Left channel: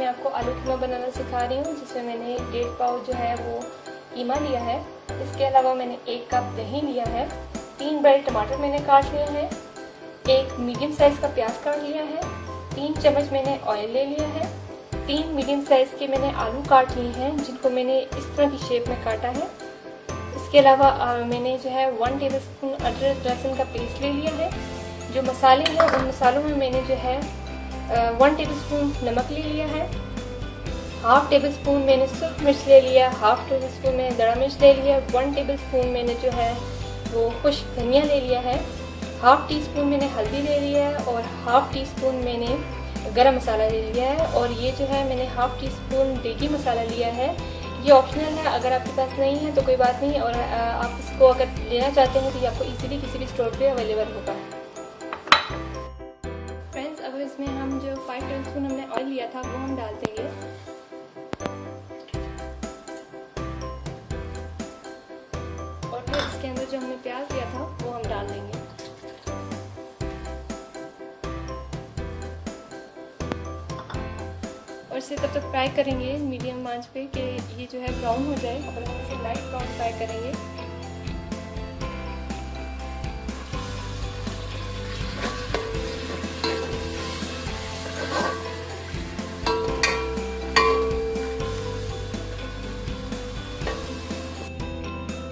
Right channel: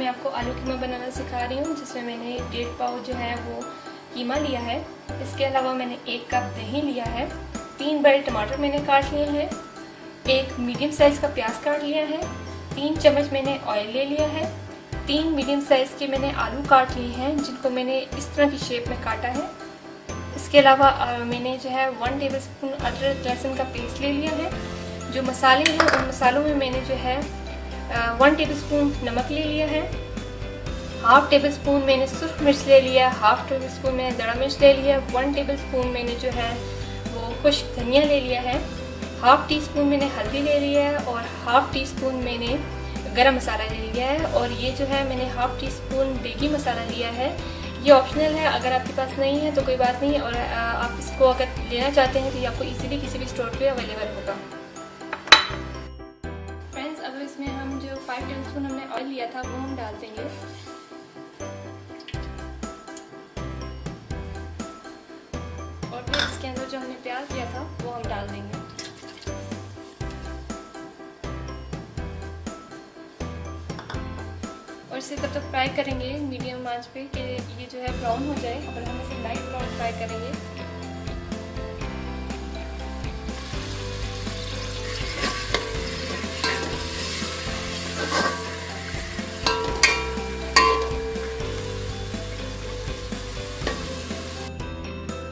मैं आपको आलू कीमा बनाना सिखा रही हूँ, जिसमें मैंने 1.5 पाव जो है वो कीमा लिया है। इसके अलावा मैंने 1 कप दही लिया है, 3 बड़े टमाटर मैंने काट लिए हैं, 1 मीडियम साइज़ का प्याज काट लिया है, 3 चम्मच मैंने ऑयल ले लिया है, 3 मीडियम साइज़ के मैंने आलू काट लिए हैं, जिनको मैंने इस तरह की शेप में काटा है। इसके अलावा मैंने जो है 1 टेबलस्पून अदरक लहसुन का पेस्ट ले लिया है। जो मसाले हैं उन मसालों में मैंने जो है 1 टेबलस्पून नमक ले लिया है, हाफ टेबल स्पून मैंने सुर्ख मिर्च ले लिया, हाफ टेबल स्पून मैंने दड़ा मिर्च ले लिया, 1 टेबल स्पून मैंने जो है वो खुश्क धनिया ले लिया है, हाफ टी स्पून मैंने हल्दी ले लिया है और हाफ टी स्पून मैंने गरम मसाला ले लिया है। और ये जो है मैंने हाफ टी स्पून देगी मसाला लिया है। ये ऑप्शनल है, अगर आपके पास नहीं है तो कोई बात नहीं, और आप इसको अगर लेना चाहते हैं तो ये आपको इजीली किसी भी स्टोर पे अवेलेबल होगा। फ्रेंड्स, अब इसमें हम जो 5 टेबल स्पून हमने ऑयल लिया था वो हम डाल देंगे। और फिर इसके अंदर जो हमने प्याज लिया था वो हम डाल देंगे। और इसे तब तक फ्राई करेंगे मीडियम आंच पे कि ये जो है ब्राउन हो जाए, और हम इसे लाइट ब्राउन फ्राई करेंगे।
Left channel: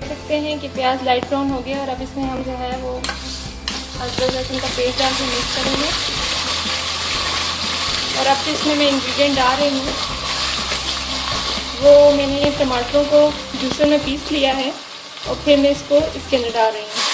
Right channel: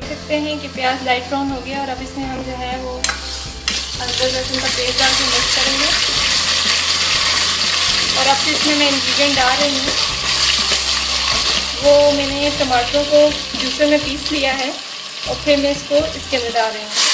देखते हैं कि प्याज लाइट ब्राउन हो गया, और अब इसमें हम जो है वो अदरक लहसुन का पेस्ट डाल के मिक्स करेंगे। और अब तो इसमें मैं इंग्रेडिएंट डाल रही हूँ, वो मैंने टमाटरों को जूसर में पीस लिया है और फिर मैं इसको इसके अंदर डाल रही हूँ।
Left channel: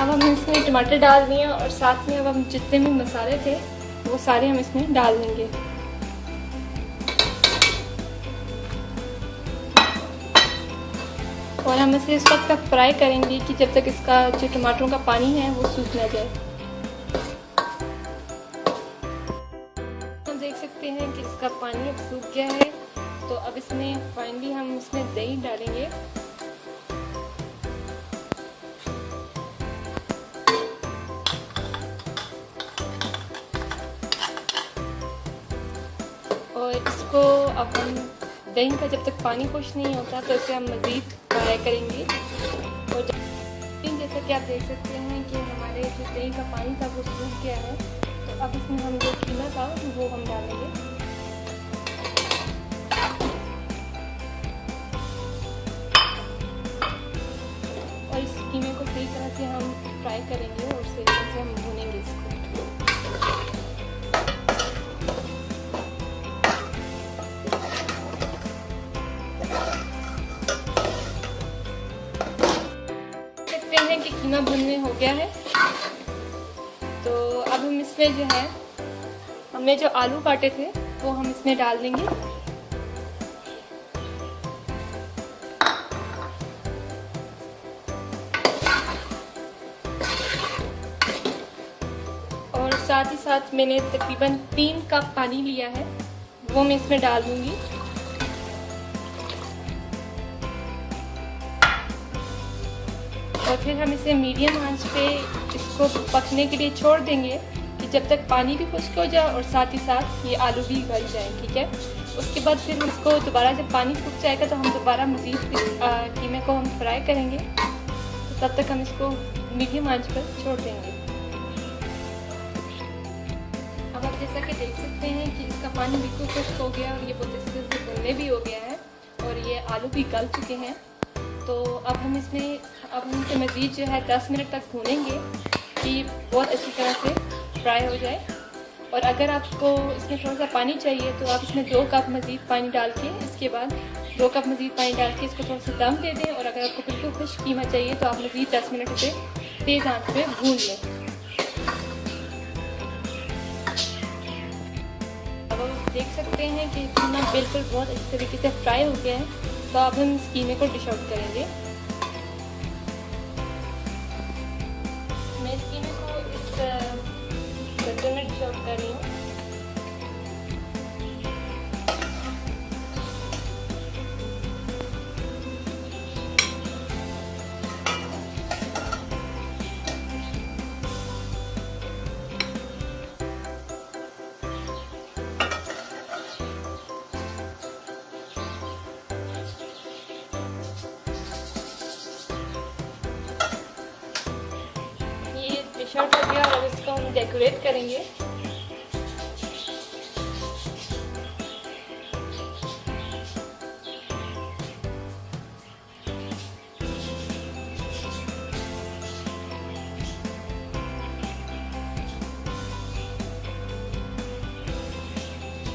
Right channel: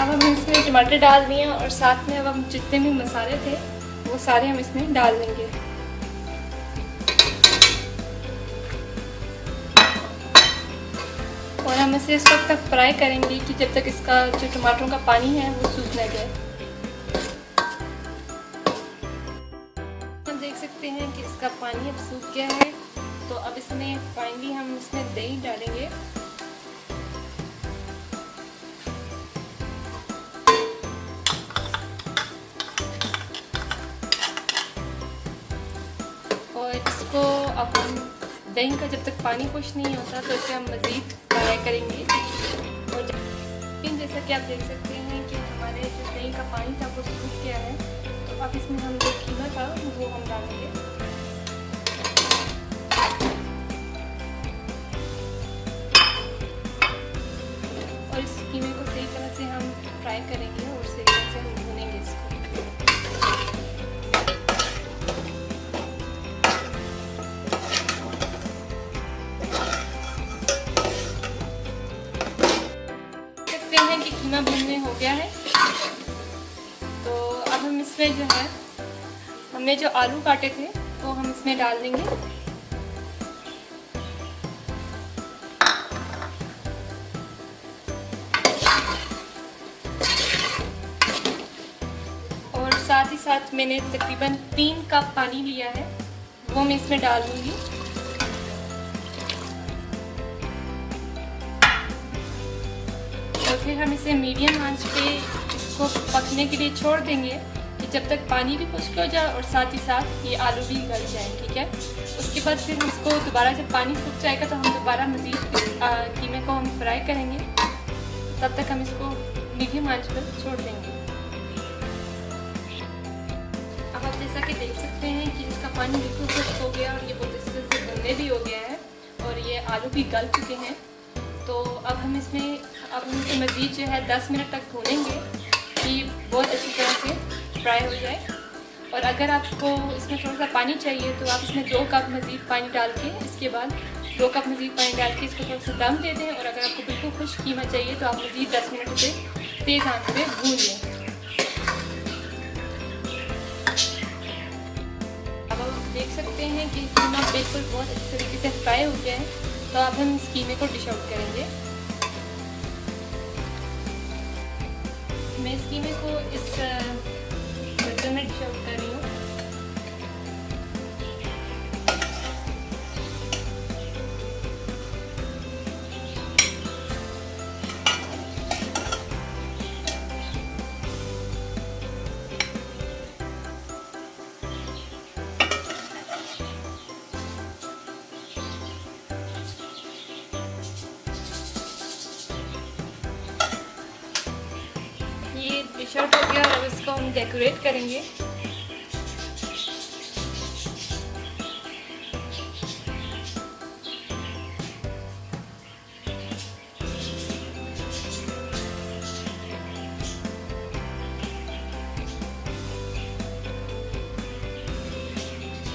अब हम इसमें टमाटर डाल दिए और साथ में अब हम जितने भी मसाले थे वो सारे हम इसमें डाल देंगे। और हम इसे इस वक्त तक फ्राई करेंगे कि जब तक इसका जो टमाटरों का पानी है वो सूख ना जाए। हम देख सकते हैं कि इसका पानी अब सूख गया है, तो अब इसमें फाइनली हम इसमें दही डालेंगे। और इसको अब हम दही का जब तक पानी खुश नहीं होता तो इसे हम मज़ीद फ्राई करेंगे। और जैसा कि आप देख सकते हैं कि हमारे जो दही का पानी था वो सूख गया है, तो अब इसमें हम जो कीमा था वो हम डालेंगे। और इस कीमे को सही तरह से हम फ्राई करेंगे और सही तरह से हम भूनेंगे इसको। हैं कि कीमा भुनने हो गया है, तो अब हम इसमें जो है हमने जो आलू काटे थे वो हम इसमें डाल देंगे। और साथ ही साथ मैंने तकरीबन 3 कप पानी लिया है वो मैं इसमें डाल दूंगी। और फिर हम इसे मीडियम आंच पे इसको पकने के लिए छोड़ देंगे कि जब तक पानी भी खुश्क हो जाए और साथ ही साथ ये आलू भी गल जाए। ठीक है, उसके बाद फिर इसको दोबारा जब पानी सूख जाएगा तो हम दोबारा मज़ीद कीमे को हम फ्राई करेंगे, तो तब तक हम इसको मीडियम आंच पर छोड़ देंगे। अब आप जैसा कि देख सकते हैं कि इसका पानी बिल्कुल खुश्क हो गया और ये बहुत अच्छे से गलने भी हो गया है और ये आलू भी गल चुके हैं। तो अब हम इसे मज़ीद जो है 10 मिनट तक भूनेंगे कि बहुत अच्छी तरह से फ्राई हो जाए। और अगर आपको इसमें थोड़ा सा पानी चाहिए तो आप इसमें 2 कप मज़ीद पानी डाल के इसके बाद 2 कप मज़ीद पानी डाल के इसको थोड़ा सा दम दे दें। और अगर आपको बिल्कुल खुश्क कीमा चाहिए तो आप मज़ीद 10 मिनट उसे तेज़ आंच पे भून लें। सकते हैं कि कीमा बिल्कुल बहुत अच्छे तरीके से फ्राई हो गया है। तो अब हम इस कीमे को डिश आउट करेंगे। मैं इस कीमे को इस बर्तन में डिश आउट कर रही हूँ। डिश आउट हो गया और अब इसको हम डेकोरेट करेंगे।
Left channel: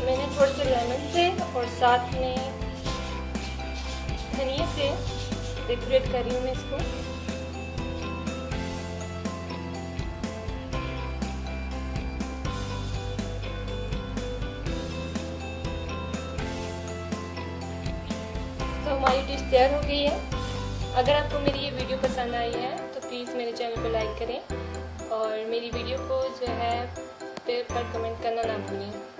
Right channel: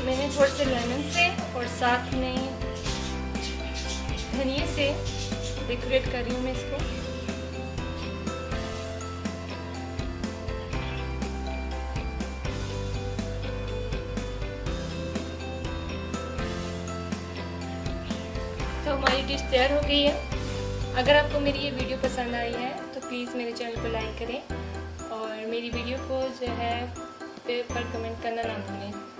मैंने थोड़े से लेमन से और साथ में धनिया से डेकोरेट कर रही हूँ मैं इसको। तो हमारी डिश तैयार हो गई है। अगर आपको मेरी ये वीडियो पसंद आई है तो प्लीज़ मेरे चैनल को लाइक करें और मेरी वीडियो को जो है पे पर कमेंट करना ना भूलें।